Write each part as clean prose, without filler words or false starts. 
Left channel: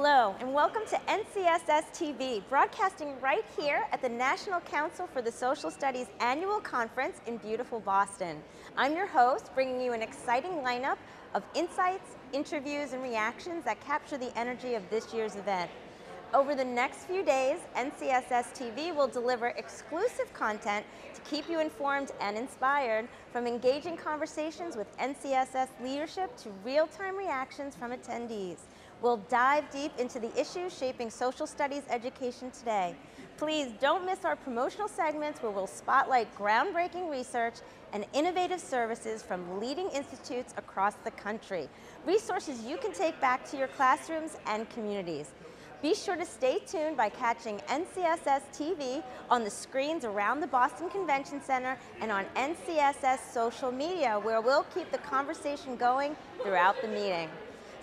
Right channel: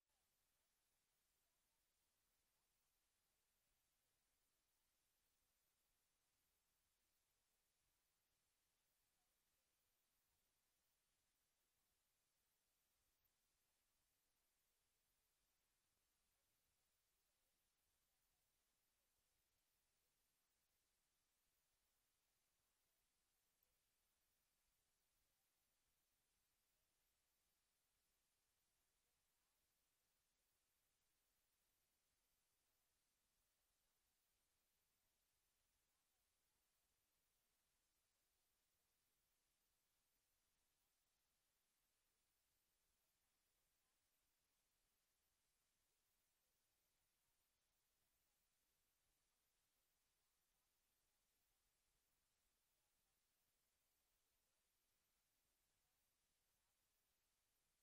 Hello, and welcome to NCSS TV, broadcasting right here at the National Council for the Social Studies Annual Conference in beautiful Boston. I'm your host, bringing you an exciting lineup of insights, interviews, and reactions that capture the energy of this year's event. Over the next few days, NCSS TV will deliver exclusive content to keep you informed and inspired, from engaging conversations with NCSS leadership to real-time reactions from attendees. We'll dive deep into the issues shaping social studies education today. Please don't miss our promotional segments where we'll spotlight groundbreaking research and innovative services from leading institutes across the country. Resources you can take back to your classrooms and communities. Be sure to stay tuned by catching NCSS TV on the screens around the Boston Convention Center and on NCSS social media, where we'll keep the conversation going throughout the meeting.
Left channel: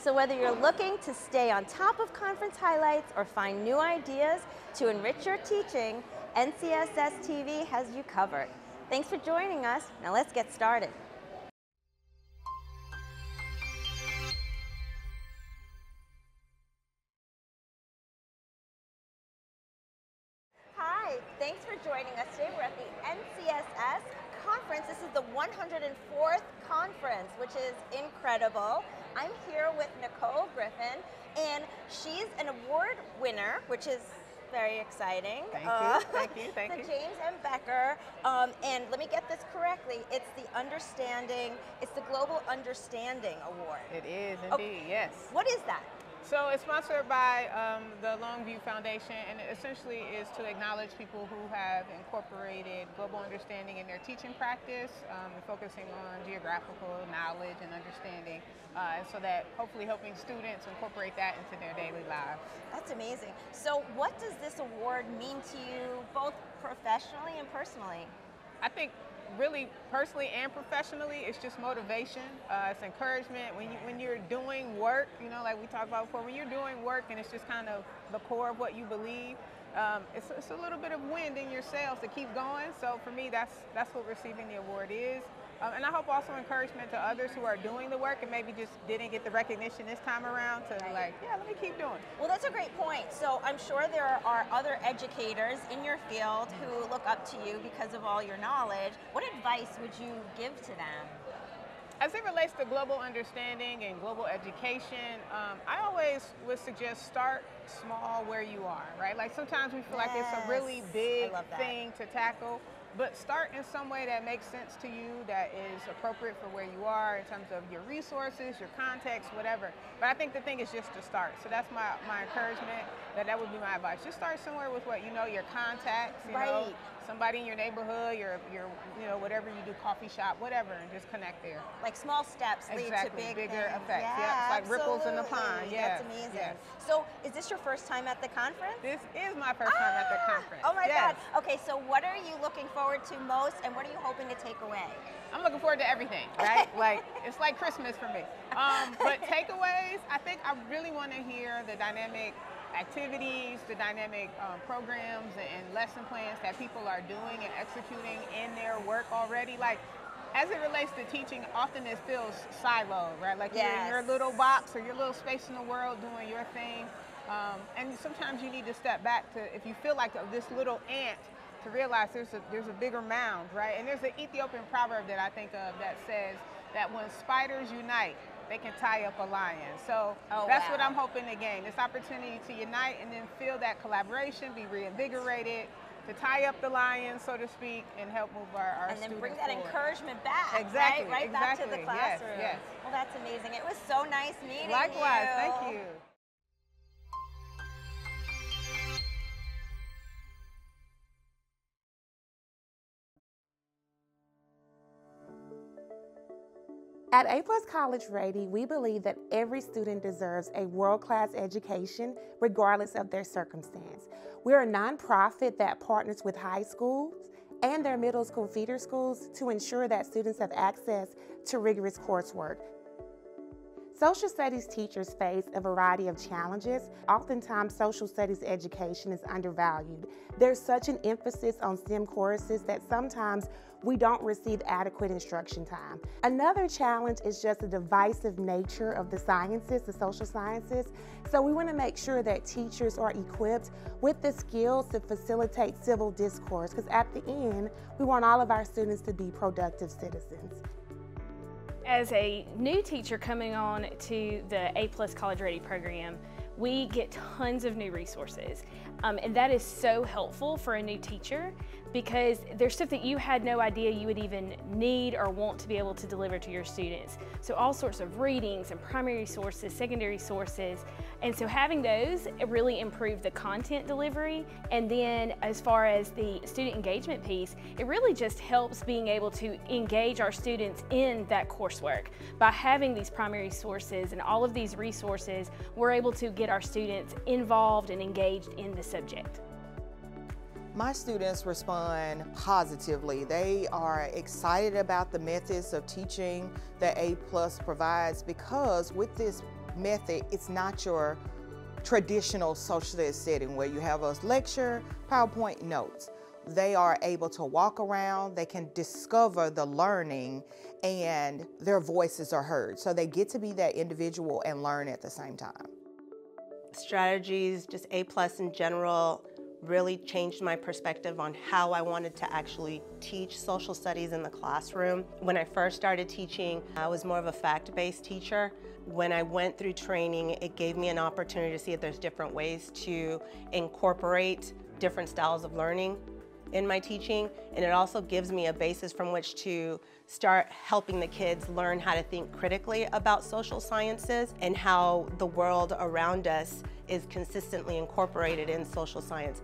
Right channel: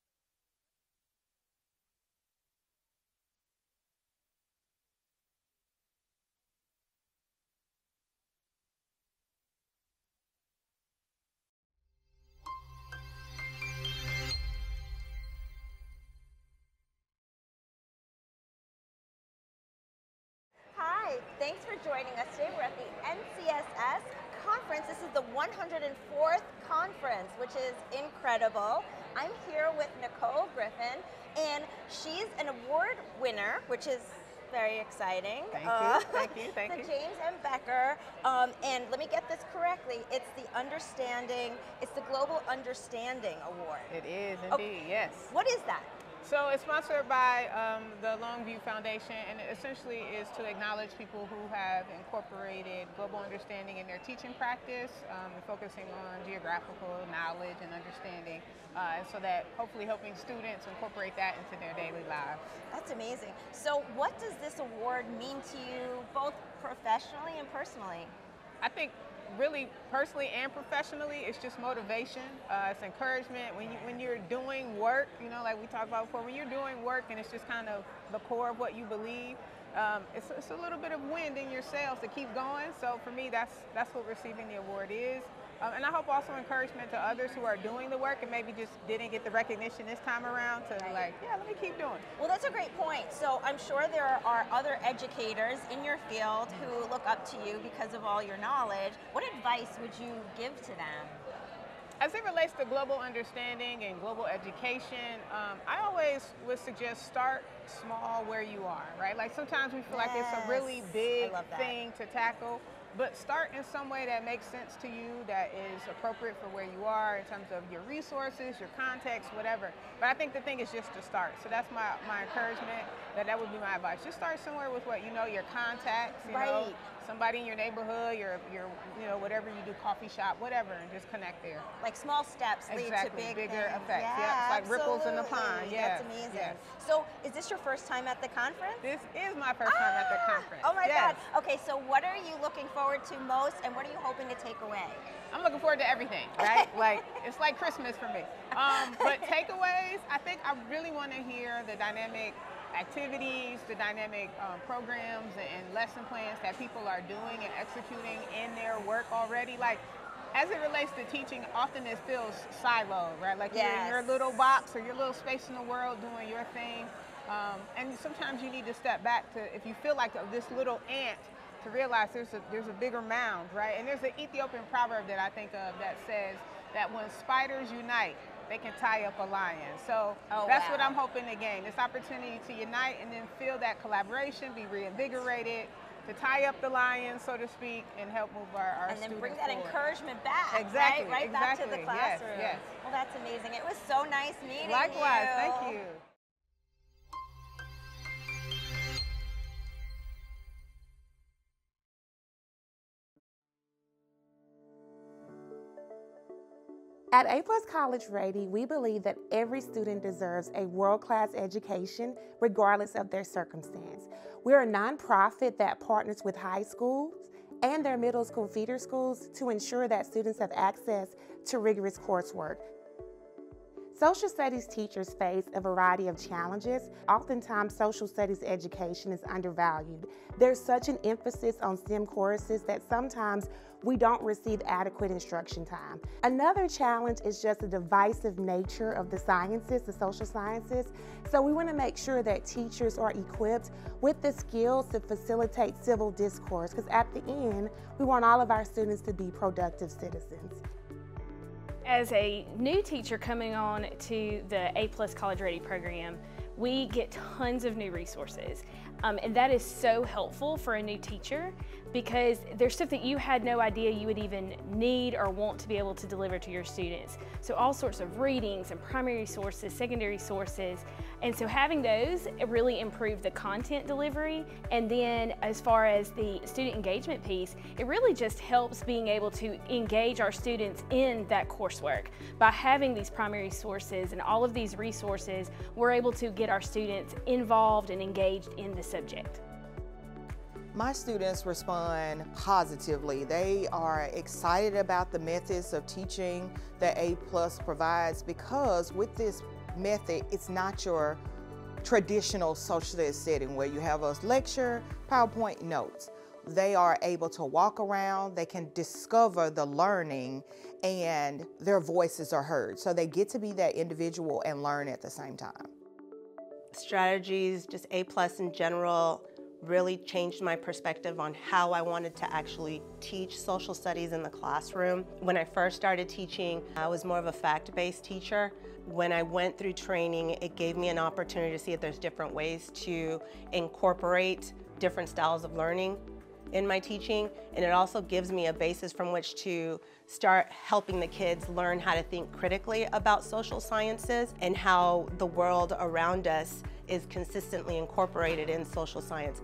So whether you're looking to stay on top of conference highlights or find new ideas to enrich your teaching, NCSS TV has you covered. Thanks for joining us. Now let's get started. Hi, thanks for joining us today. We're at the NCSS conference. This is the 104th conference, which is incredible. I'm here with Nicole Griffin, and she's an award winner, which is very exciting. Thank you, thank you, thank you. The James M. Becker, and let me get this correctly, it's the Global Understanding Award. It is indeed, yes. What is that? So it's sponsored by the Longview Foundation, and it essentially is to acknowledge people who have incorporated global understanding in their teaching practice, focusing on geographical knowledge and understanding, and so that hopefully helping students incorporate that into their daily lives. That's amazing. So what does this award mean to you, both professionally and personally? I think really personally and professionally, it's just motivation, it's encouragement. When you're doing work, you know, like we talked about before, when you're doing work and it's just kind of the core of what you believe, it's a little bit of wind in your sails to keep going. So for me, that's what receiving the award is. And I hope also encouragement to others who are doing the work and maybe just didn't get the recognition this time around to like, yeah, let me keep doing. Well, that's a great point. So I'm sure there are other educators in your field who look up to you because of all your knowledge. What advice would you give to them? As it relates to global understanding and global education, I always would suggest start small where you are, right? Like sometimes we feel like it's a really big thing to tackle. But start in some way that makes sense to you, that is appropriate for where you are in terms of your resources, your context, whatever. But I think the thing is just to start. So that's my encouragement, that would be my advice. Just start somewhere with what you know, your contacts, you know, somebody in your neighborhood, your you know, whatever you do, coffee shop, whatever, and just connect there. Like small steps lead to bigger effects. Yeah, it's like ripples in the pond. Yeah, that's amazing. Yes. So is this your first time at the conference? This is my first time at the conference. Oh my God. Okay, so what are you looking forward to most, and what are you hoping to take away? I'm looking forward to everything, right? Like, it's like Christmas for me. But takeaways, I think I really want to hear the dynamic activities, the dynamic programs and lesson plans that people are doing and executing in their work already. Like, as it relates to teaching, often it feels siloed, right? Like you're in your little box or your little space in the world doing your thing. And sometimes you need to step back to, if you feel like this little ant, to realize there's a bigger mound, right? And there's an Ethiopian proverb that I think of that says that when spiders unite, they can tie up a lion. So that's what I'm hoping to gain, this opportunity to unite and then feel that collaboration, be reinvigorated, to tie up the lion, so to speak, and help move our students forward. And then bring that encouragement back, exactly, right back to the classroom. Yes. Well, that's amazing. It was so nice meeting you. Likewise, thank you. At A+ College Rady, we believe that every student deserves a world-class education regardless of their circumstance. We're a nonprofit that partners with high schools and their middle school feeder schools to ensure that students have access to rigorous coursework. Social studies teachers face a variety of challenges. Oftentimes, social studies education is undervalued. There's such an emphasis on STEM courses that sometimes we don't receive adequate instruction time. Another challenge is just the divisive nature of the sciences, the social sciences. So we want to make sure that teachers are equipped with the skills to facilitate civil discourse, because at the end, we want all of our students to be productive citizens. As a new teacher coming on to the A+ College Ready program, we get tons of new resources. And that is so helpful for a new teacher because there's stuff that you had no idea you would even need or want to be able to deliver to your students. So all sorts of readings and primary sources, secondary sources. And so having those really improve the content delivery. And then as far as the student engagement piece, it really just helps being able to engage our students in that coursework. By having these primary sources and all of these resources, we're able to get our students involved and engaged in the subject. My students respond positively. They are excited about the methods of teaching that A+ provides, because with this method, it's not your traditional social studies setting where you have a lecture, PowerPoint, notes. They are able to walk around, they can discover the learning, and their voices are heard. So they get to be that individual and learn at the same time. Strategies, just A+ in general, really changed my perspective on how I wanted to actually teach social studies in the classroom. When I first started teaching, I was more of a fact-based teacher. When I went through training, it gave me an opportunity to see if there's different ways to incorporate different styles of learning in my teaching, and it also gives me a basis from which to start helping the kids learn how to think critically about social sciences and how the world around us is consistently incorporated in social science.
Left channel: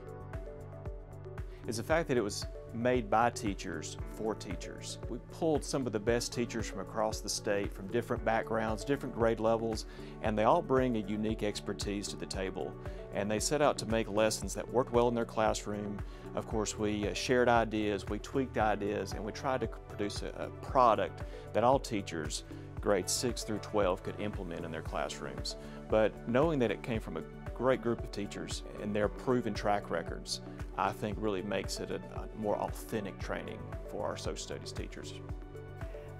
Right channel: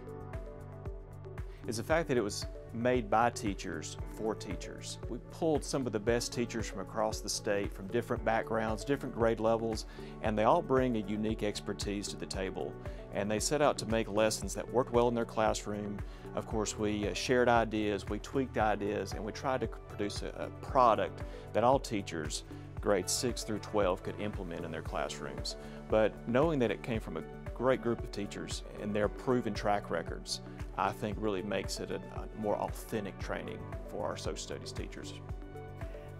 Is the fact that it was made by teachers for teachers. We pulled some of the best teachers from across the state, from different backgrounds, different grade levels, and they all bring a unique expertise to the table. And they set out to make lessons that worked well in their classroom. Of course, we shared ideas, we tweaked ideas, and we tried to produce a product that all teachers, grades 6 through 12, could implement in their classrooms. But knowing that it came from a great group of teachers and their proven track records, I think really makes it a more authentic training for our social studies teachers.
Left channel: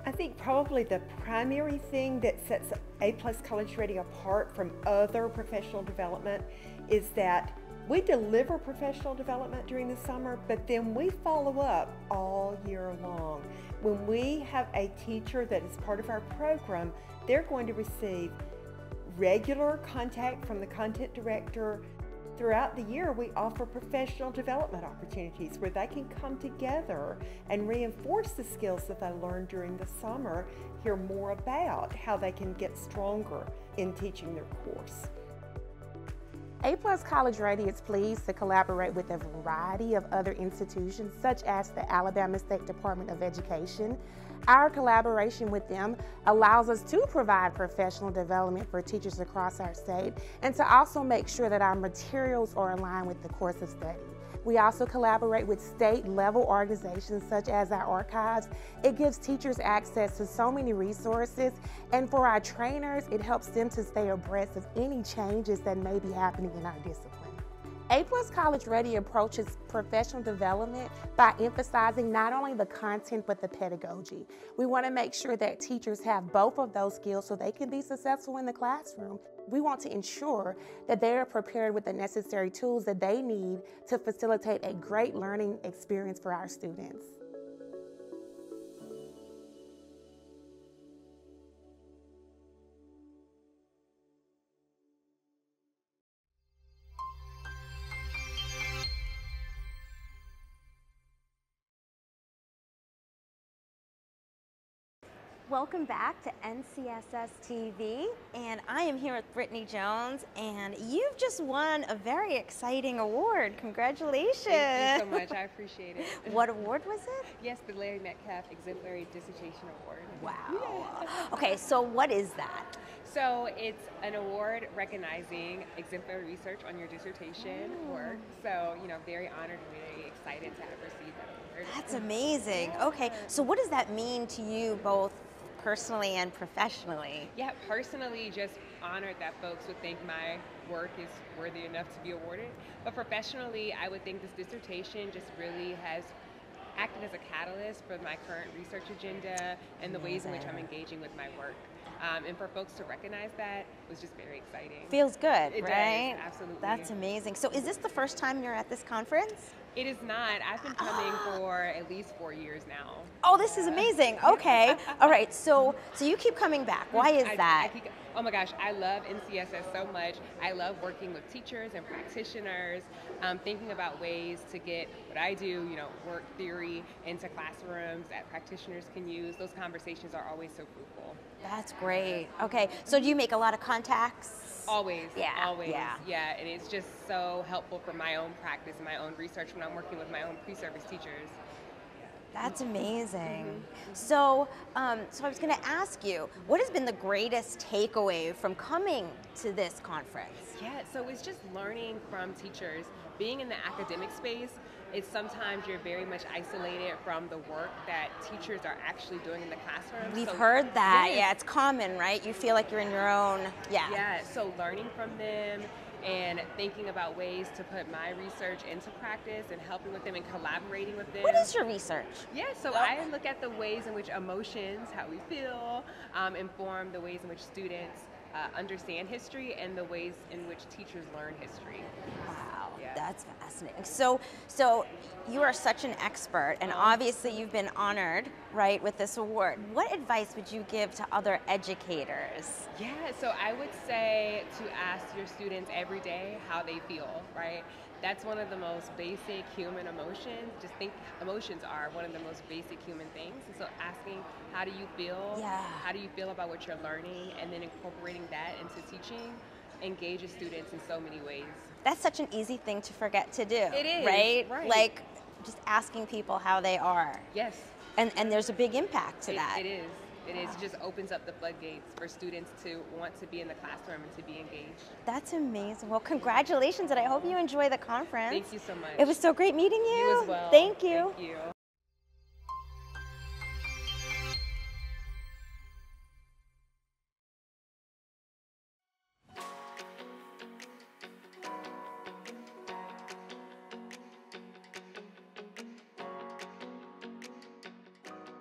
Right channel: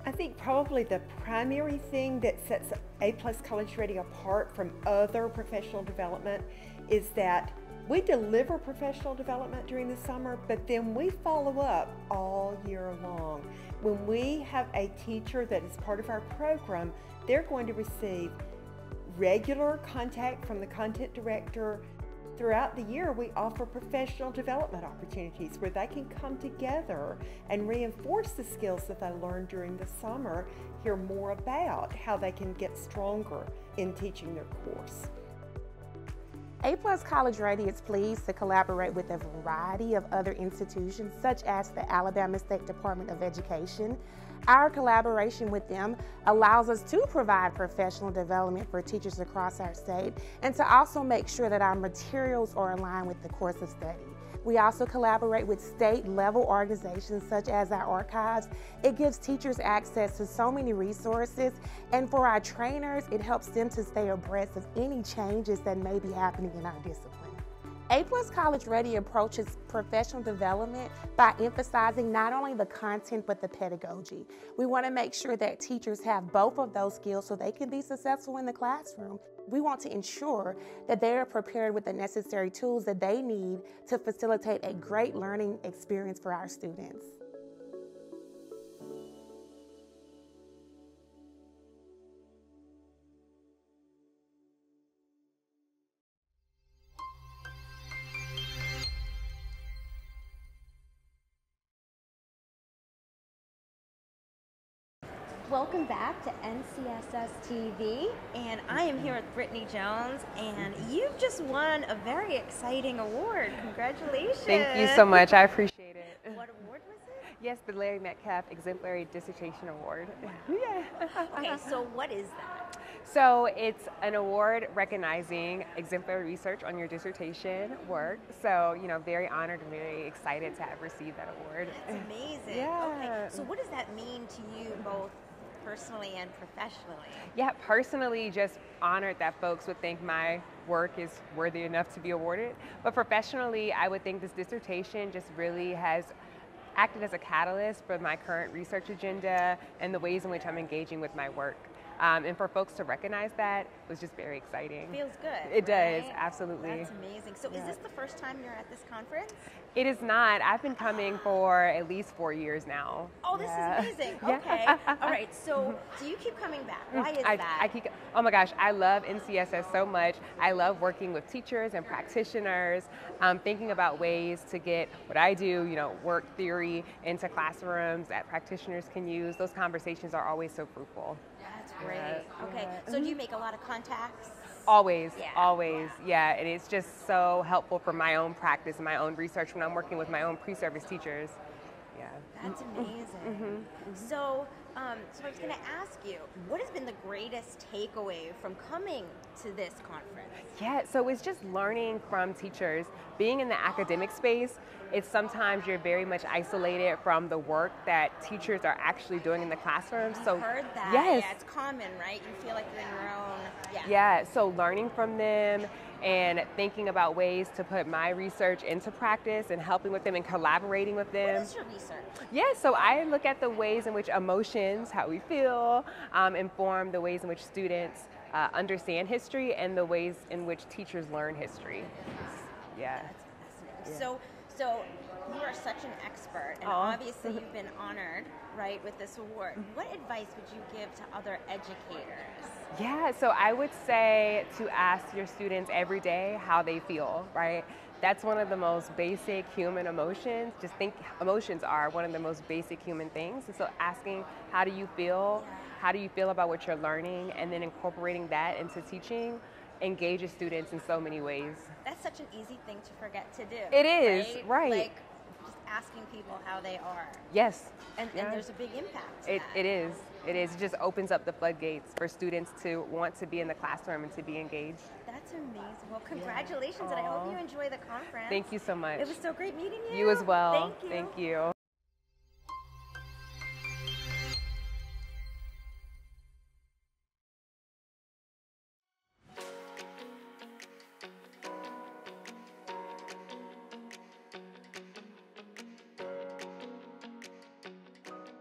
I think probably the primary thing that sets A+ College Ready apart from other professional development is that we deliver professional development during the summer, but then we follow up all year long. When we have a teacher that is part of our program, they're going to receive regular contact from the content director. Throughout the year, we offer professional development opportunities where they can come together and reinforce the skills that they learned during the summer, hear more about how they can get stronger in teaching their course. A+ College Ready is pleased to collaborate with a variety of other institutions, such as the Alabama State Department of Education. Our collaboration with them allows us to provide professional development for teachers across our state and to also make sure that our materials are aligned with the course of study. We also collaborate with state-level organizations such as our archives. It gives teachers access to so many resources, and for our trainers, it helps them to stay abreast of any changes that may be happening in our discipline. A+ College Ready approaches professional development by emphasizing not only the content but the pedagogy. We want to make sure that teachers have both of those skills so they can be successful in the classroom. We want to ensure that they are prepared with the necessary tools that they need to facilitate a great learning experience for our students. Welcome back to NCSS TV, and I am here with Brittany Jones, and you've just won a very exciting award. Congratulations. Thank you so much. I appreciate it. What award was it? Yes, the Larry Metcalf Exemplary Dissertation Award. Wow. Yeah. Okay, so what is that? So it's an award recognizing exemplary research on your dissertation work. So, very honored and very excited to have received that award. That's amazing. Yeah. Okay, so what does that mean to you both personally and professionally? Yeah, personally, just honored that folks would think my work is worthy enough to be awarded. But professionally, I would think this dissertation just really has acted as a catalyst for my current research agenda and the ways in which I'm engaging with my work. And for folks to recognize that was just very exciting. Feels good, It right? does, absolutely. That's amazing. So is this the first time you're at this conference? It is not. I've been coming for at least 4 years now. Oh, this is amazing. Okay. All right. So you keep coming back. Why is that? Oh my gosh, I love NCSS so much. I love working with teachers and practitioners, thinking about ways to get what I do, work theory into classrooms that practitioners can use. Those conversations are always so fruitful. That's great. Okay. So do you make a lot of contacts? Always, Yeah, always, yeah. and it's just so helpful for my own practice and my own research when I'm working with my own pre-service teachers. Yeah. That's amazing. So, I was going to ask you, what has been the greatest takeaway from coming to this conference? Yeah, so it's just learning from teachers. Being in the academic space, it's sometimes you're very much isolated from the work that teachers are actually doing in the classroom. We've heard that. Yes. Yeah, it's common, right? You feel like you're in your own. Yeah. Yeah, so learning from them and thinking about ways to put my research into practice and helping with them and collaborating with them. What is your research? Yeah, so I look at the ways in which emotions, how we feel, inform the ways in which students understand history and the ways in which teachers learn history. Wow, Yeah. that's fascinating. So you are such an expert, and obviously you've been honored, right, with this award. What advice would you give to other educators? Yeah, so I would say to ask your students every day how they feel, right? That's one of the most basic human emotions. Just think emotions are one of the most basic human things. And so asking, how do you feel? Yeah. How do you feel about what you're learning? And then incorporating that into teaching engages students in so many ways. That's such an easy thing to forget to do. It is, right. Like just asking people how they are. Yes. And there's a big impact to that. It is. It is. It just opens up the floodgates for students to want to be in the classroom and to be engaged. That's amazing. Well, congratulations, and I hope you enjoy the conference. Thank you so much. It was so great meeting you. You as well. Thank you. Thank you.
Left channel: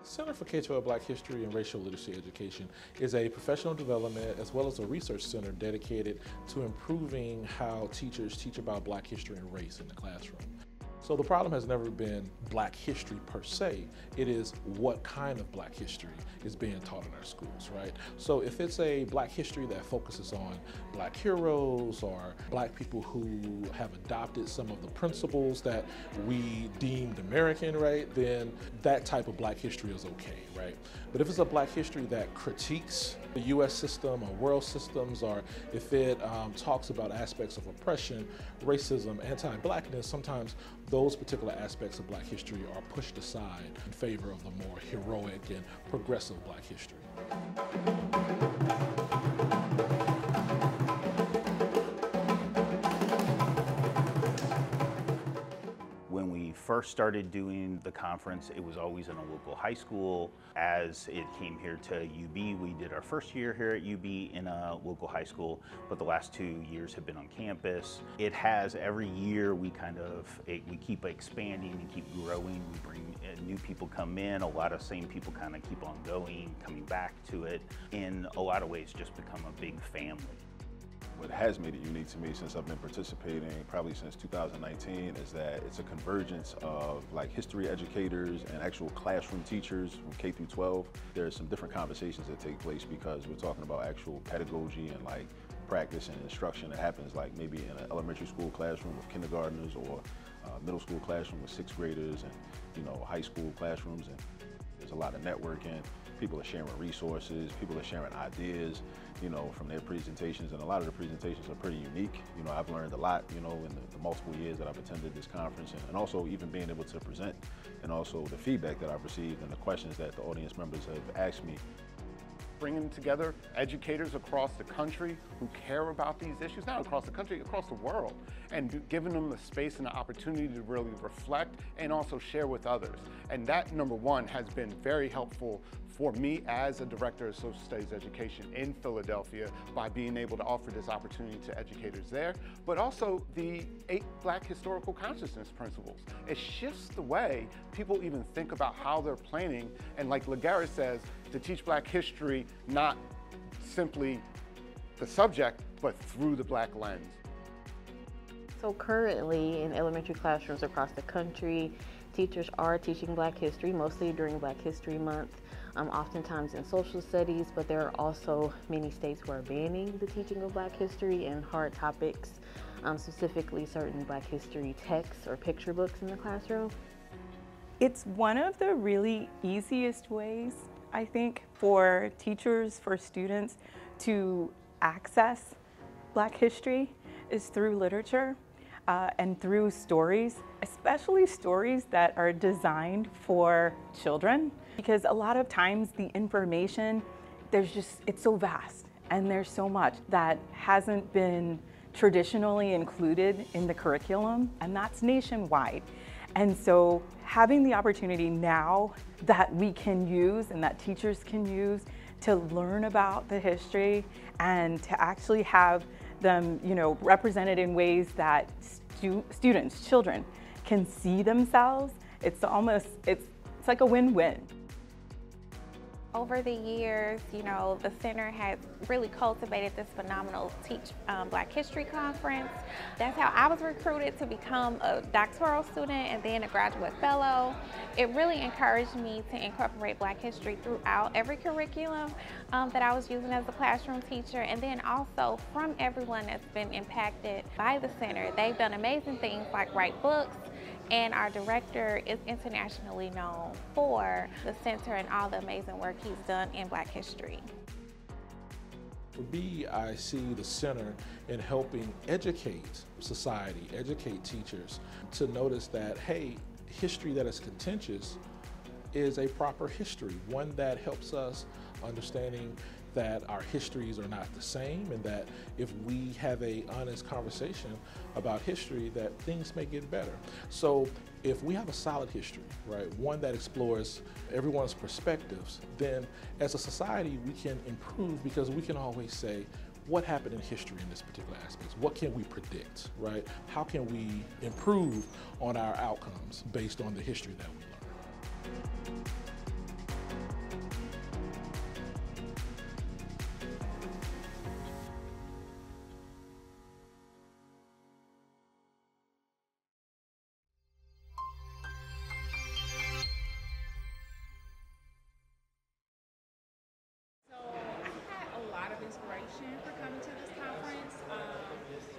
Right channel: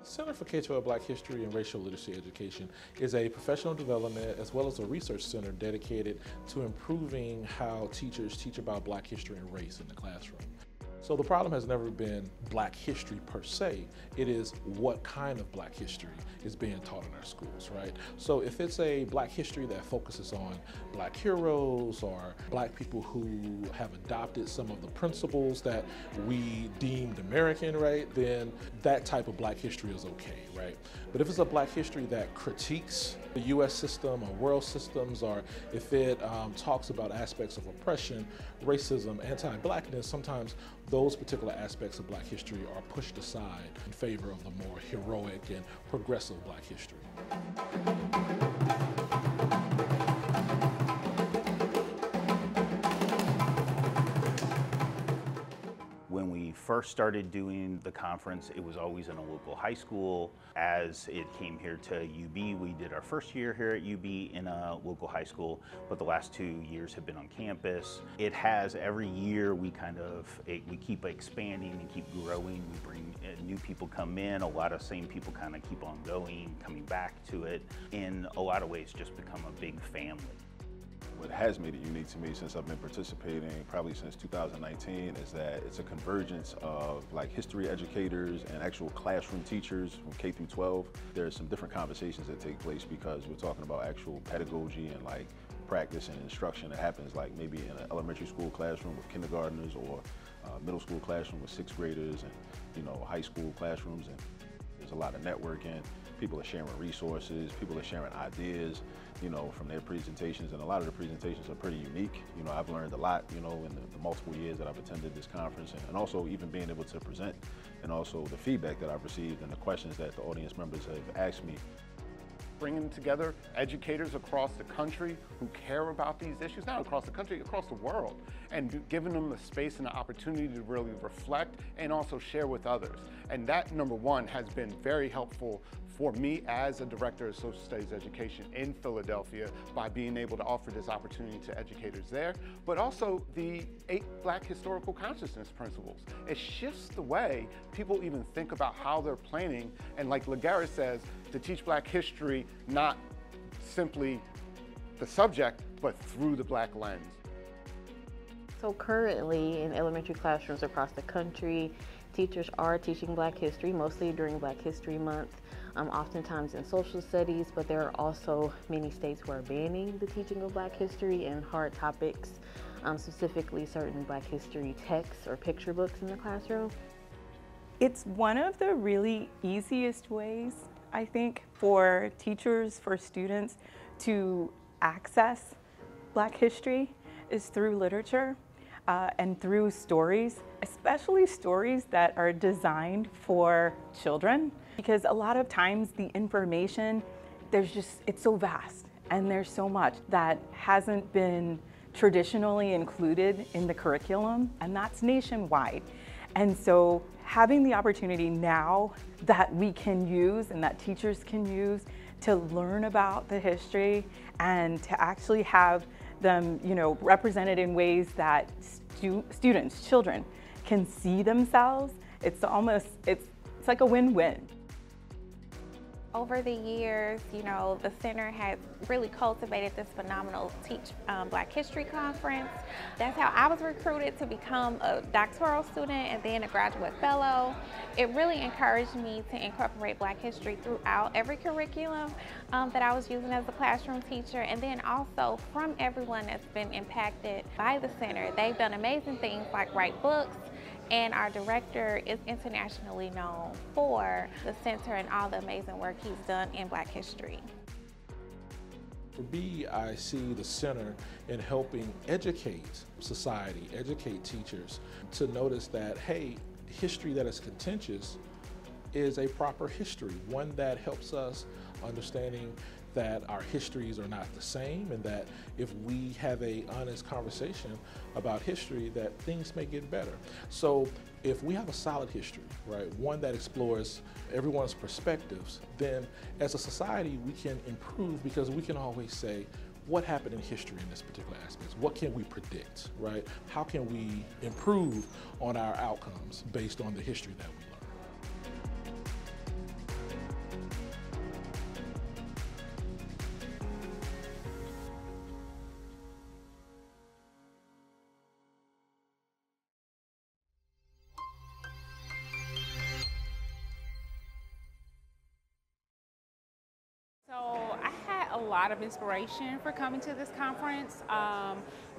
Center for K-12 Black History and Racial Literacy Education is a professional development as well as a research center dedicated to improving how teachers teach about Black history and race in the classroom. So the problem has never been Black history per se, it is what kind of Black history is being taught in our schools, right? So if it's a Black history that focuses on Black heroes or Black people who have adopted some of the principles that we deemed American, right, then that type of Black history is okay, right? But if it's a Black history that critiques the U.S. system or world systems, or if it talks about aspects of oppression, racism, anti-Blackness, sometimes those particular aspects of Black history are pushed aside in favor of the more heroic and progressive Black history. When we first started doing the conference, it was always in a local high school. As it came here to UB, we did our first year here at UB in a local high school, but the last 2 years have been on campus. It has, every year we keep expanding and keep growing. We bring new people come in, a lot of same people kind of keep on going, coming back to it. In a lot of ways, just become a big family. What has made it unique to me since I've been participating, probably since 2019, is that it's a convergence of like history educators and actual classroom teachers from K through 12. There's some different conversations that take place because we're talking about actual pedagogy and like practice and instruction that happens like maybe in an elementary school classroom with kindergartners or middle school classroom with 6th graders and high school classrooms, and there's a lot of networking. People are sharing resources, people are sharing ideas, from their presentations, and a lot of the presentations are pretty unique. I've learned a lot, in the multiple years that I've attended this conference, and also even being able to present, and also the feedback that I've received and the questions that the audience members have asked me. bringing together educators across the country who care about these issues, not across the country, across the world, and giving them the space and the opportunity to really reflect and also share with others. And that, number one, has been very helpful for me as a director of social studies education in Philadelphia by being able to offer this opportunity to educators there, but also the 8 Black historical consciousness principles. It shifts the way people even think about how they're planning, and like Lagara says, to teach Black history, not simply the subject, but through the Black lens. So currently in elementary classrooms across the country, teachers are teaching Black history, mostly during Black History Month, oftentimes in social studies, but there are also many states who are banning the teaching of Black history and hard topics, specifically certain Black history texts or picture books in the classroom. It's one of the really easiest ways, I think, for teachers, for students to access Black history is through literature and through stories, especially stories that are designed for children, because a lot of times the information, it's so vast and there's so much that hasn't been traditionally included in the curriculum, and that's nationwide. And so having the opportunity now that we can use and that teachers can use to learn about the history and to actually have them, represented in ways that students, children can see themselves, it's like a win-win. Over the years, the center has really cultivated this phenomenal Teach Black History Conference. That's how I was recruited to become a doctoral student and then a graduate fellow. It really encouraged me to incorporate Black history throughout every curriculum that I was using as a classroom teacher, and then also from everyone that's been impacted by the center. They've done amazing things like write books, and our director is internationally known for the center and all the amazing work he's done in Black history. For me, I see the center in helping educate society, educate teachers to notice that, hey, history that is contentious is a proper history, one that helps us understanding that our histories are not the same, and that if we have an honest conversation about history, that things may get better. So if we have a solid history, right, one that explores everyone's perspectives, then as a society we can improve, because we can always say, what happened in history in this particular aspect? What can we predict, right? How can we improve on our outcomes based on the history that we learn? A lot of inspiration for coming to this conference.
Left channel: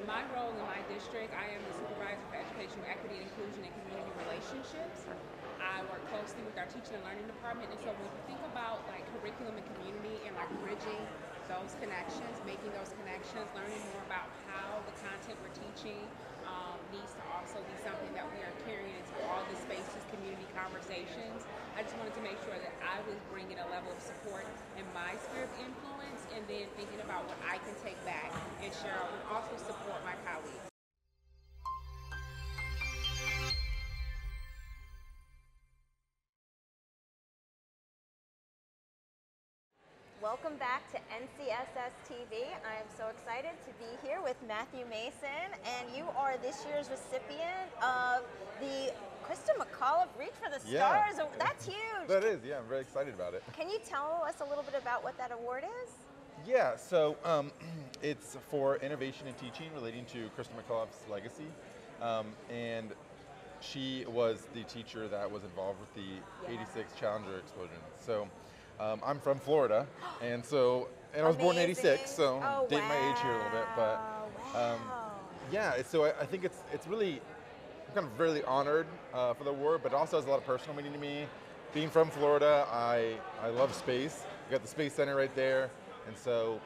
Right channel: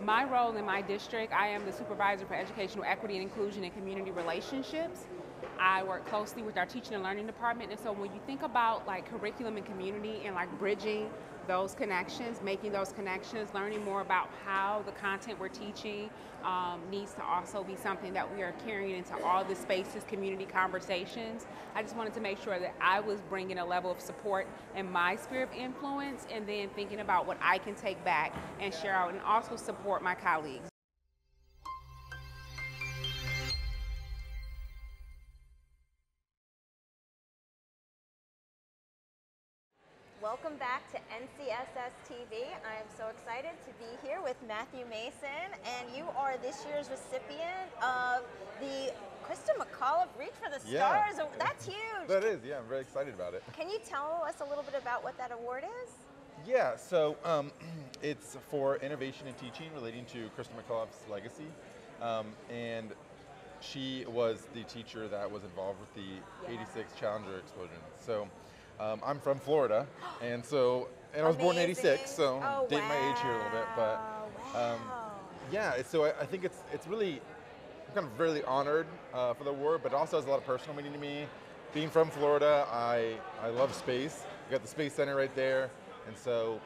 My role in my district, I am the supervisor for educational equity and inclusion and community relationships. I work closely with our teaching and learning department, and so when you think about like curriculum and community and like bridging those connections, making those connections, learning more about how the content we're teaching needs to also be something that we are carrying into all the spaces, community conversations. I just wanted to make sure that I was bringing a level of support in my sphere of influence, and then thinking about what I can take back and share out, and also support my colleagues. Welcome back to NCSS TV. I am so excited to be here with Matthew Mason, and you are this year's recipient of the Krista McAuliffe Reach for the Stars. Yeah. That's huge. That is, yeah, I'm very excited about it. Can you tell us a little bit about what that award is? Yeah, so it's for innovation in teaching relating to Krista McAuliffe's legacy. And she was the teacher that was involved with the 86 Challenger explosion. So I'm from Florida, and I was born in 86, so date my age here a little bit. But yeah, so I think it's really, I'm kind of really honored for the award, but it also has a lot of personal meaning to me. Being from Florida, I love space. You got the Space Center right there, and so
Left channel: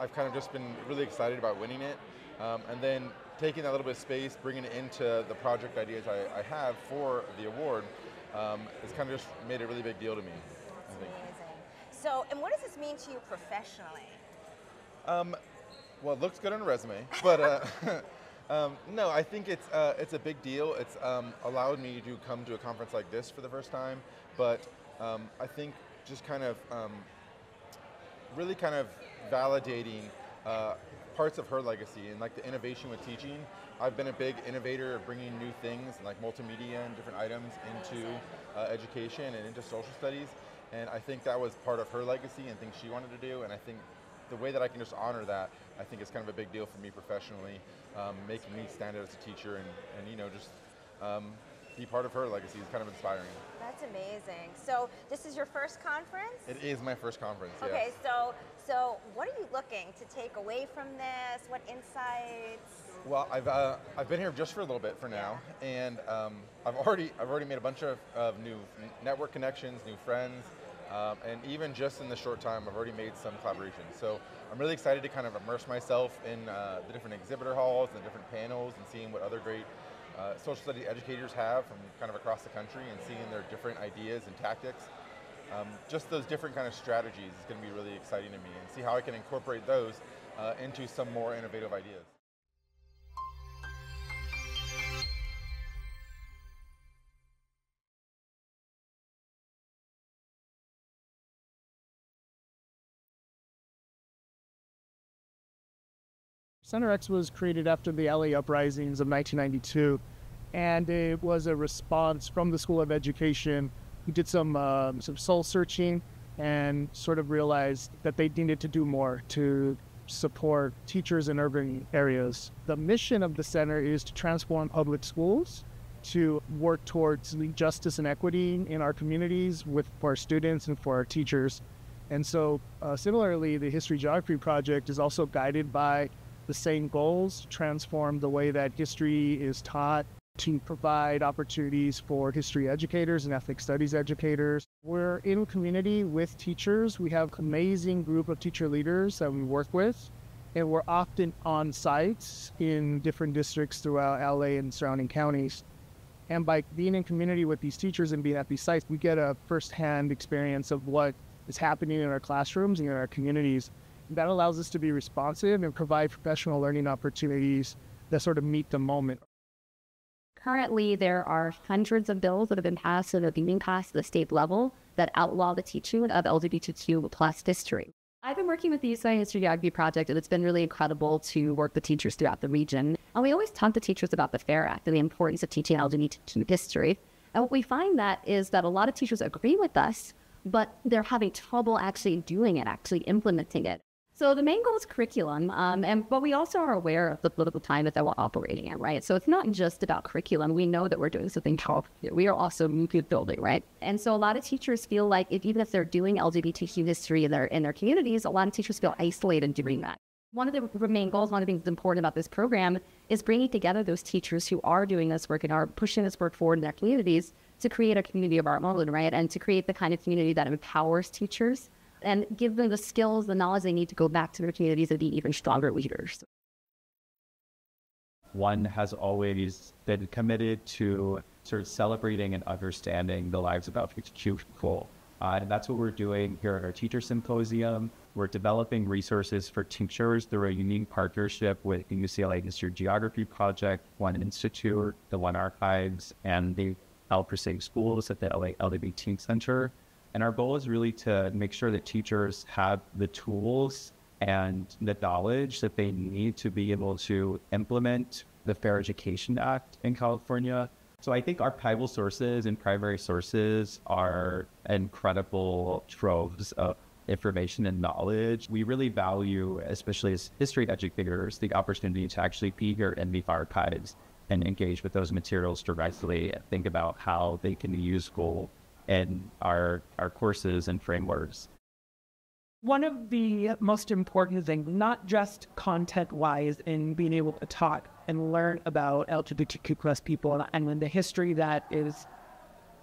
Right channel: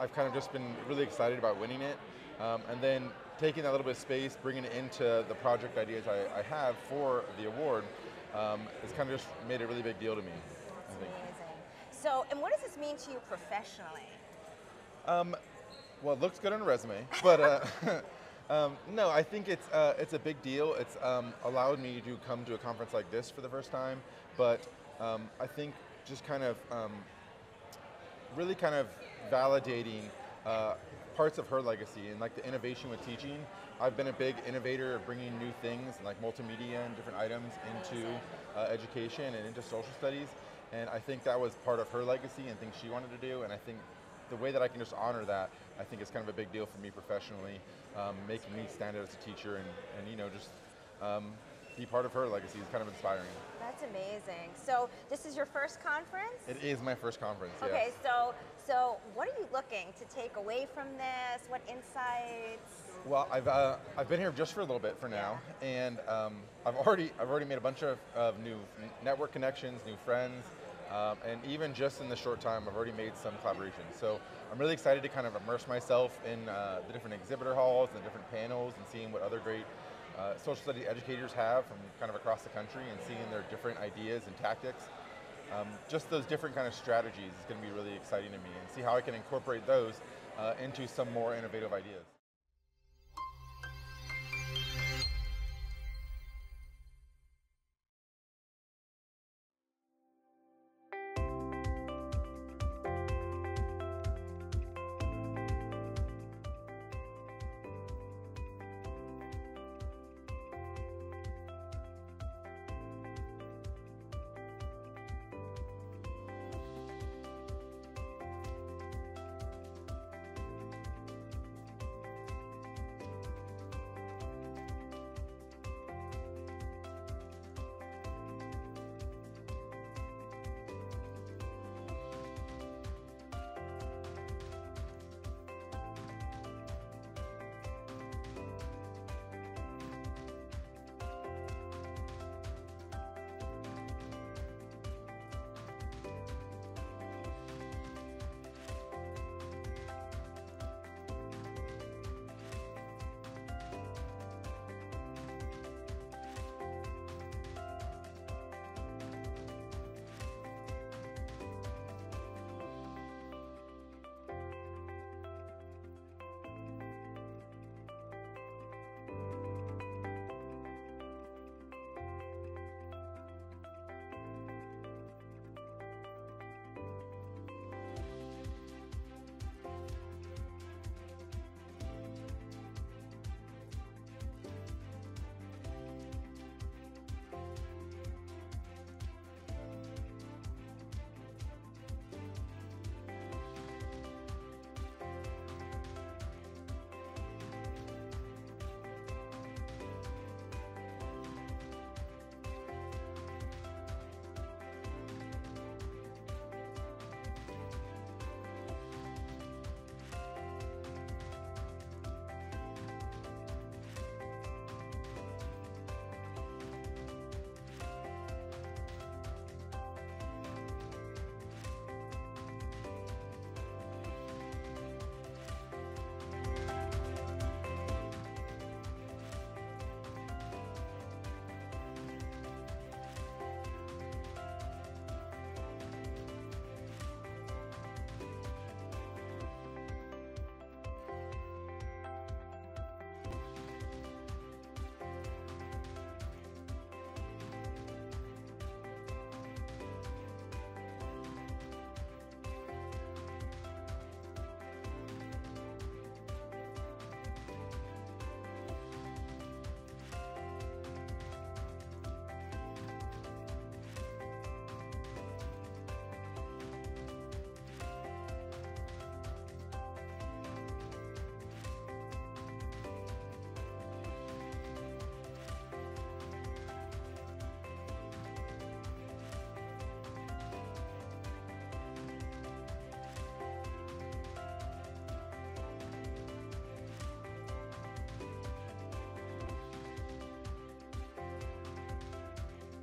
I've kind of just been really excited about winning it. And then taking that little bit of space, bringing it into the project ideas I have for the award, has kind of just made a really big deal to me. Amazing. So, and what does this mean to you professionally? Well, it looks good on a resume, but no, I think it's a big deal. It's allowed me to come to a conference like this for the first time, but I think just kind of really kind of validating parts of her legacy and like the innovation with teaching. I've been a big innovator of bringing new things and like multimedia and different items into education and into social studies, and I think that was part of her legacy and things she wanted to do, and I think the way that I can just honor that, I think is kind of a big deal for me professionally, making me stand out as a teacher and you know, just be part of her legacy is kind of inspiring. That's amazing. So this is your first conference? It is my first conference, yes. Okay, so what are you looking to take away from this? What insights? Well, I've been here just for a little bit for now, and I've already made a bunch of new network connections, new friends, and even just in the short time, I've already made some collaborations. So I'm really excited to kind of immerse myself in the different exhibitor halls and the different panels and seeing what other great social studies educators have from kind of across the country and seeing their different ideas and tactics. Just those different kind of strategies is going to be really exciting to me, and see how I can incorporate those into some more innovative ideas. Center X was created after the LA uprisings of 1992, and it was a response from the School of Education, who did some soul searching and sort of realized that they needed to do more to support teachers in urban areas. The mission of the center is to transform public schools, to work towards justice and equity in our communities for our students and for our teachers. And so similarly, the History Geography Project is also guided by the same goals: to transform the way that history is taught, to provide opportunities for history educators and ethnic studies educators. We're in community with teachers. We have an amazing group of teacher leaders that we work with, and we're often on sites in different districts throughout LA and surrounding counties. And by being in community with these teachers and being at these sites, we get a firsthand experience of what is happening in our classrooms and in our communities. That allows us to be responsive and provide professional learning opportunities that sort of meet the moment. Currently, there are hundreds of bills that have been passed or that are being passed at the state level that outlaw the teaching of LGBTQ plus history. I've been working with the UCI History Geography Project, and it's been really incredible to work with teachers throughout the region. And we always talk to teachers about the FAIR Act and the importance of teaching LGBTQ history. And what we find is that a lot of teachers agree with us, but they're having trouble actually doing it, actually implementing it. So the main goal is curriculum, but we also are aware of the political climate that we're operating in, right? So it's not just about curriculum. We know that we're doing something called, we are also movement building, right? And so a lot of teachers feel like even if they're doing LGBTQ history in their communities, a lot of teachers feel isolated doing that. One of the main goals, one of the things that's important about this program is bringing together those teachers who are doing this work and are pushing this work forward in their communities to create a community of our own, right? And to create the kind of community that empowers teachers and give them the skills, the knowledge they need to go back to their communities and be even stronger leaders. One has always been committed to sort of celebrating and understanding the lives of LGBTQ people. And that's what we're doing here at our Teacher Symposium. We're developing resources for teachers through a unique partnership with the UCLA History Geography Project, One Institute, the One Archives, and the El Prestige Schools at the LA LGBT Center. And our goal is really to make sure that teachers have the tools and the knowledge that they need to be able to implement the Fair Education Act in California. So I think archival sources and primary sources are incredible troves of information and knowledge. We really value, especially as history educators, the opportunity to actually be here in the archives and engage with those materials directly and think about how they can be useful in our courses and frameworks. One of the most important things, not just content-wise in being able to talk and learn about LGBTQ plus people and the history that is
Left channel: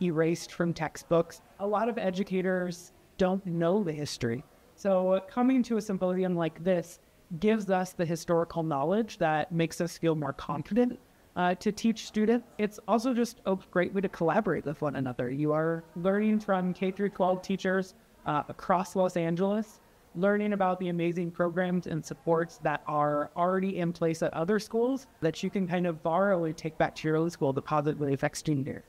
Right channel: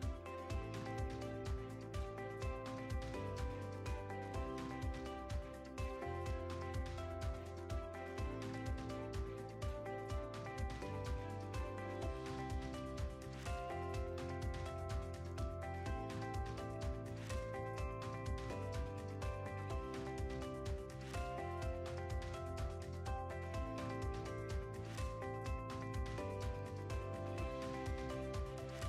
erased from textbooks, a lot of educators don't know the history. So coming to a symposium like this gives us the historical knowledge that makes us feel more confident to teach students. It's also just a great way to collaborate with one another. You are learning from K through 12 teachers across Los Angeles, learning about the amazing programs and supports that are already in place at other schools that you can kind of borrow and take back to your own school to positively affect student year.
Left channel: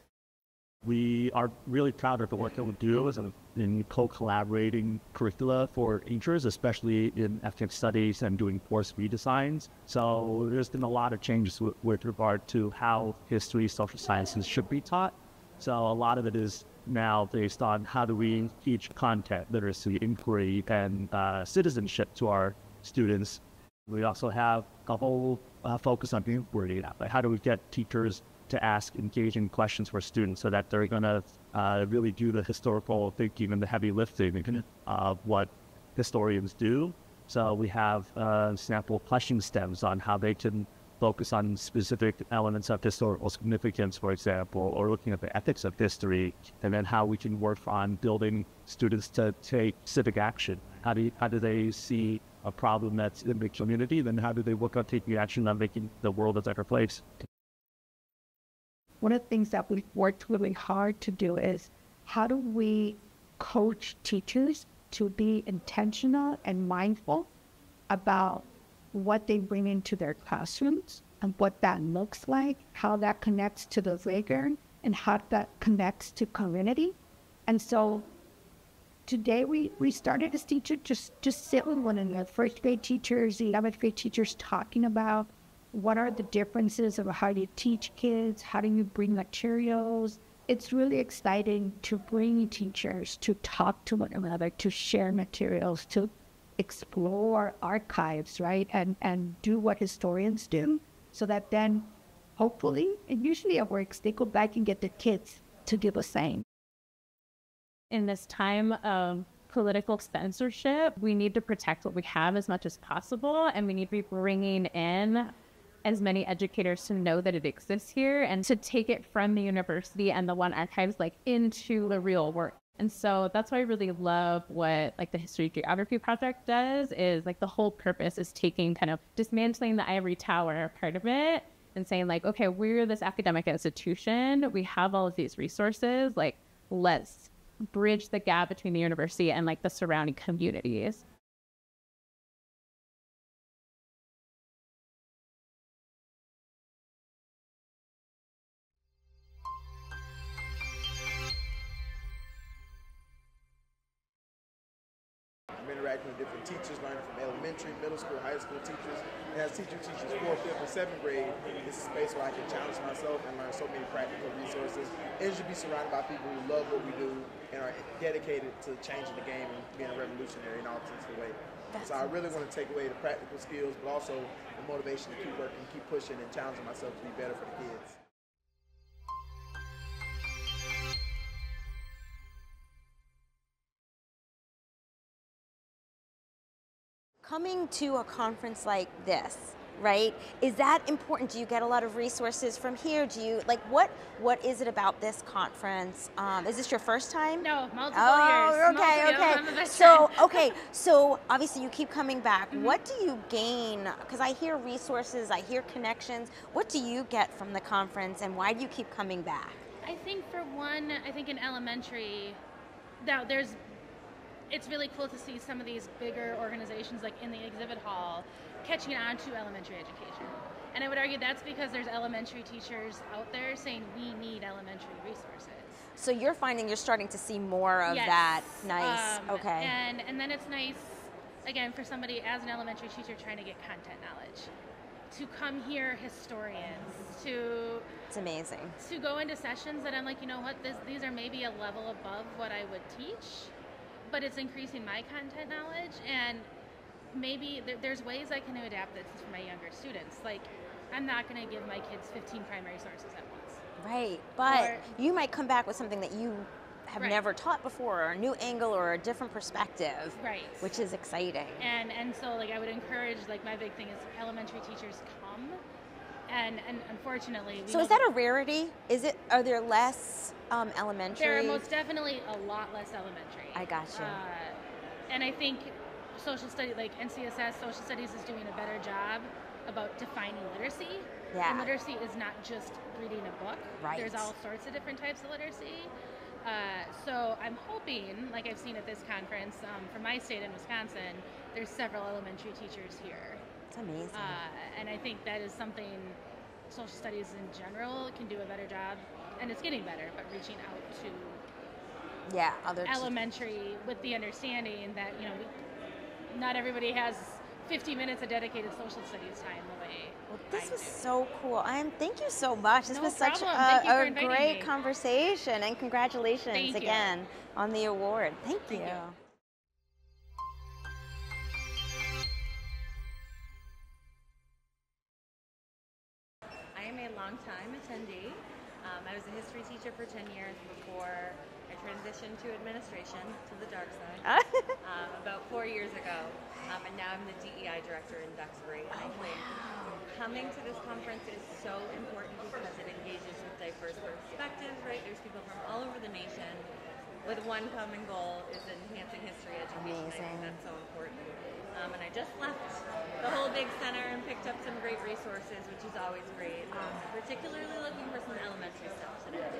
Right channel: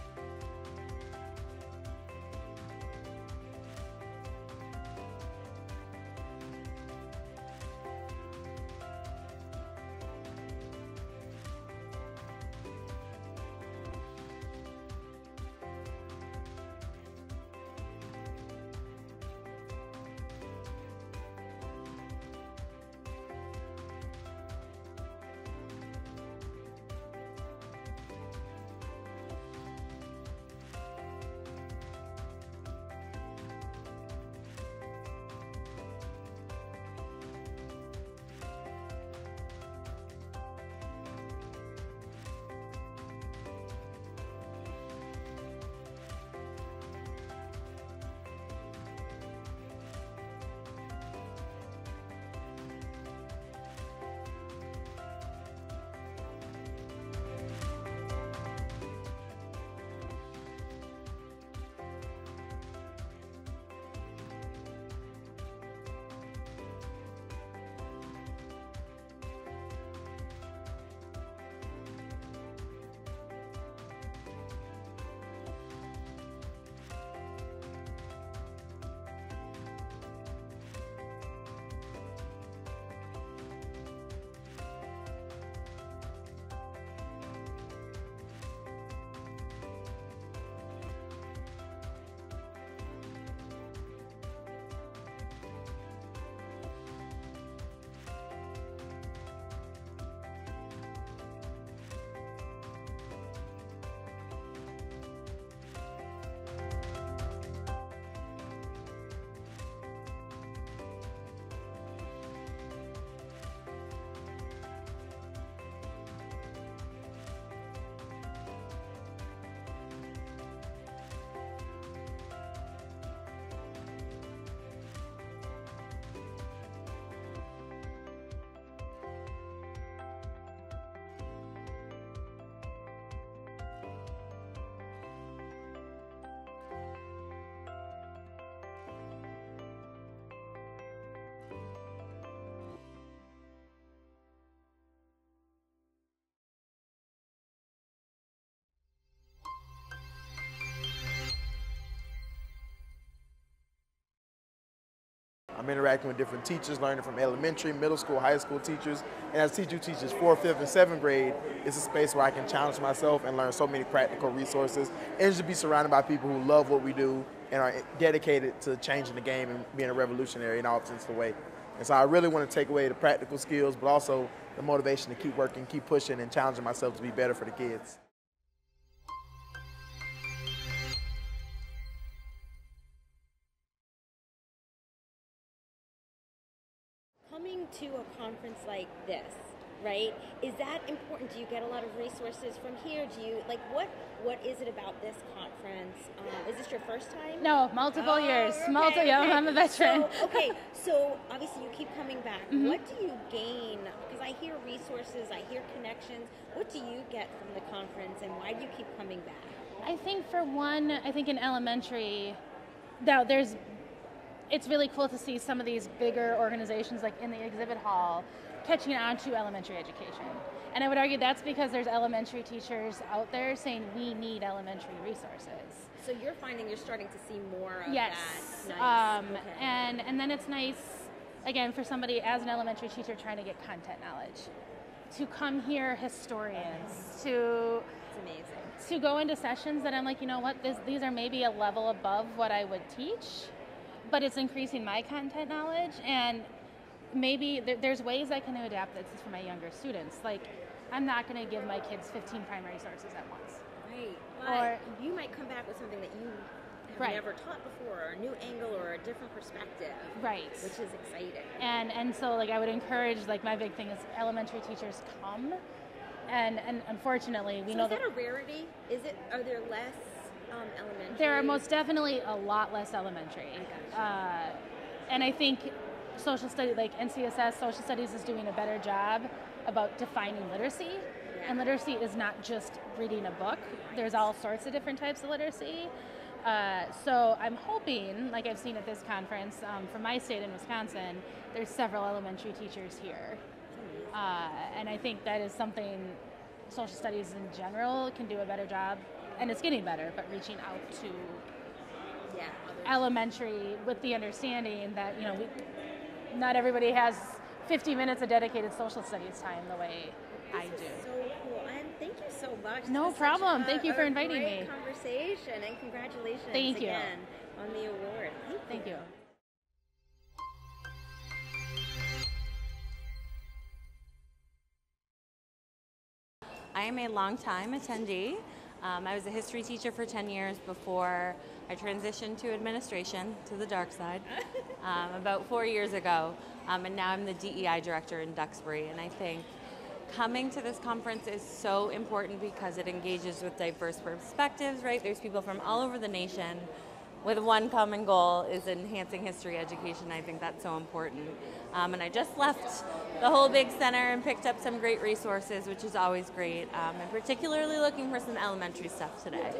We are really proud of the work that we do in co-collaborating curricula for teachers, especially in ethnic studies and doing course redesigns. So there's been a lot of changes with regard to how history, social sciences should be taught. So a lot of it is now based on how do we teach content, literacy, inquiry, and citizenship to our students. We also have a whole focus on inquiry. Like how do we get teachers to ask engaging questions for students so that they're going to really do the historical thinking and the heavy lifting of what historians do. So we have sample question stems on how they can focus on specific elements of historical significance, for example, or looking at the ethics of history, and then how we can work on building students to take civic action. How do they see a problem that's in the community, then how do they work on taking action on making the world a better place? One of the things that we've worked really hard to do is how do we coach teachers to be intentional and mindful about what they bring into their classrooms and what that looks like, how that connects to the playground, and how that connects to community. And so today we started as teachers just sit with one another, first grade teachers, 11th grade teachers, talking about what are the differences of how you teach kids, how do you bring materials. It's really exciting to bring teachers to talk to one another, to share materials, to explore archives, right? And do what historians do, so that then hopefully, and usually it works, they go back and get the kids to do the same. In this time of political censorship, we need to protect what we have as much as possible, and we need to be bringing in as many educators to know that it exists here and to take it from the university and the One Archives into the real world. And so that's why I really love what the History Geography Project does, is the whole purpose is taking kind of dismantling the ivory tower part of it and saying okay, we're this academic institution, we have all of these resources, let's bridge the gap between the university and the surrounding communities. I'm interacting with different teachers, learning from elementary, middle school, high school teachers. And as a teacher who teaches 4th, 5th, and 7th grade, it's a space where I can challenge myself and learn so many practical resources. And just be surrounded by people who love what we do and are dedicated to changing the game and being a revolutionary in all sense of the way. And so I really want to take away the practical skills, but also the motivation to keep working, keep pushing, and challenging myself to be better for the kids. Coming to a conference like this, right, is that important? Do you get a lot of resources from here? Do you, what is it about this conference? Is this your first time? No, multiple years. Okay. I'm a veteran. So obviously you keep coming back. What do you gain? Because I hear resources, I hear connections. What do you get from the conference, and why do you keep coming back? I think for one, in elementary, it's really cool to see some of these bigger organizations in the exhibit hall catching on to elementary education. And I would argue that's because there's elementary teachers out there saying we need elementary resources. So you're finding you're starting to see more of yes. that. Nice. Okay. And then it's nice, again, for somebody as an elementary teacher trying to get content knowledge, to come hear historians, it's amazing. To go into sessions that I'm you know what, these are maybe a level above what I would teach, but it's increasing my content knowledge, and maybe there's ways I can adapt this for my younger students. I'm not going to give my kids 15 primary sources at once. Right, but you might come back with something that you have never taught before, or a new angle, or a different perspective. Right. Which is exciting. And so I would encourage, my big thing is elementary teachers come, and unfortunately So is that a rarity? Are there less elementary? There are most definitely a lot less elementary. I gotcha. And I think social studies, NCSS, social studies is doing a better job about defining literacy. Yeah. And literacy is not just reading a book. Right. There's all sorts of different types of literacy. So I'm hoping, like I've seen at this conference, from my state in Wisconsin, there's several elementary teachers here. That's amazing. And I think that is something social studies in general can do a better job, and it's getting better, but reaching out to other elementary with the understanding that, you know, not everybody has 50 minutes of dedicated social studies time the way This was so cool. Thank you so much. This No was such problem. Thank you for a inviting great me. conversation, and congratulations Thank you. again on the award. Thank you. I am a longtime attendee. I was a history teacher for 10 years before I transitioned to administration, to the dark side, about 4 years ago. And now I'm the DEI director in Duxbury. And I think coming to this conference is so important because it engages with diverse perspectives, right? There's people from all over the nation with one common goal, is enhancing history education. I think that's so important. And I just left the whole big center and picked up some great resources, which is always great. I'm particularly looking for some elementary stuff today.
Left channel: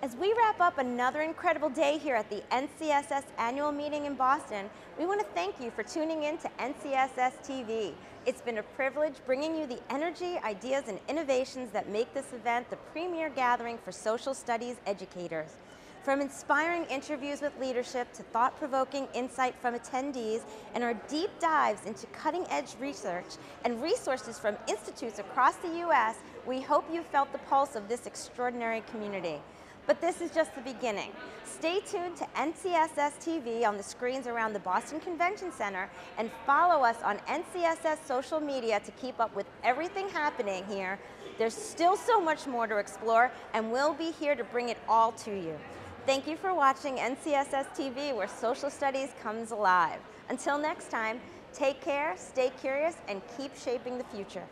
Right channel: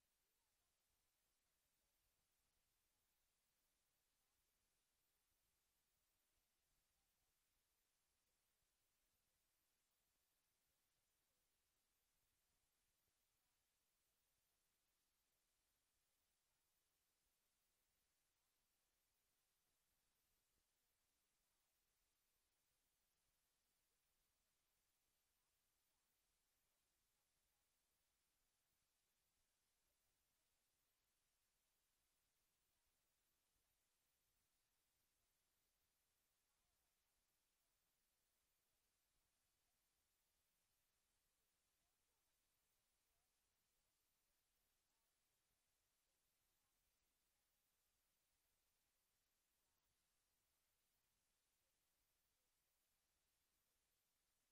As we wrap up another incredible day here at the NCSS annual meeting in Boston, we want to thank you for tuning in to NCSS TV. It's been a privilege bringing you the energy, ideas, and innovations that make this event the premier gathering for social studies educators. From inspiring interviews with leadership to thought-provoking insight from attendees and our deep dives into cutting-edge research and resources from institutes across the U.S., we hope you felt the pulse of this extraordinary community. But this is just the beginning. Stay tuned to NCSS TV on the screens around the Boston Convention Center and follow us on NCSS social media to keep up with everything happening here. There's still so much more to explore, and we'll be here to bring it all to you. Thank you for watching NCSS TV, where social studies comes alive. Until next time, take care, stay curious, and keep shaping the future.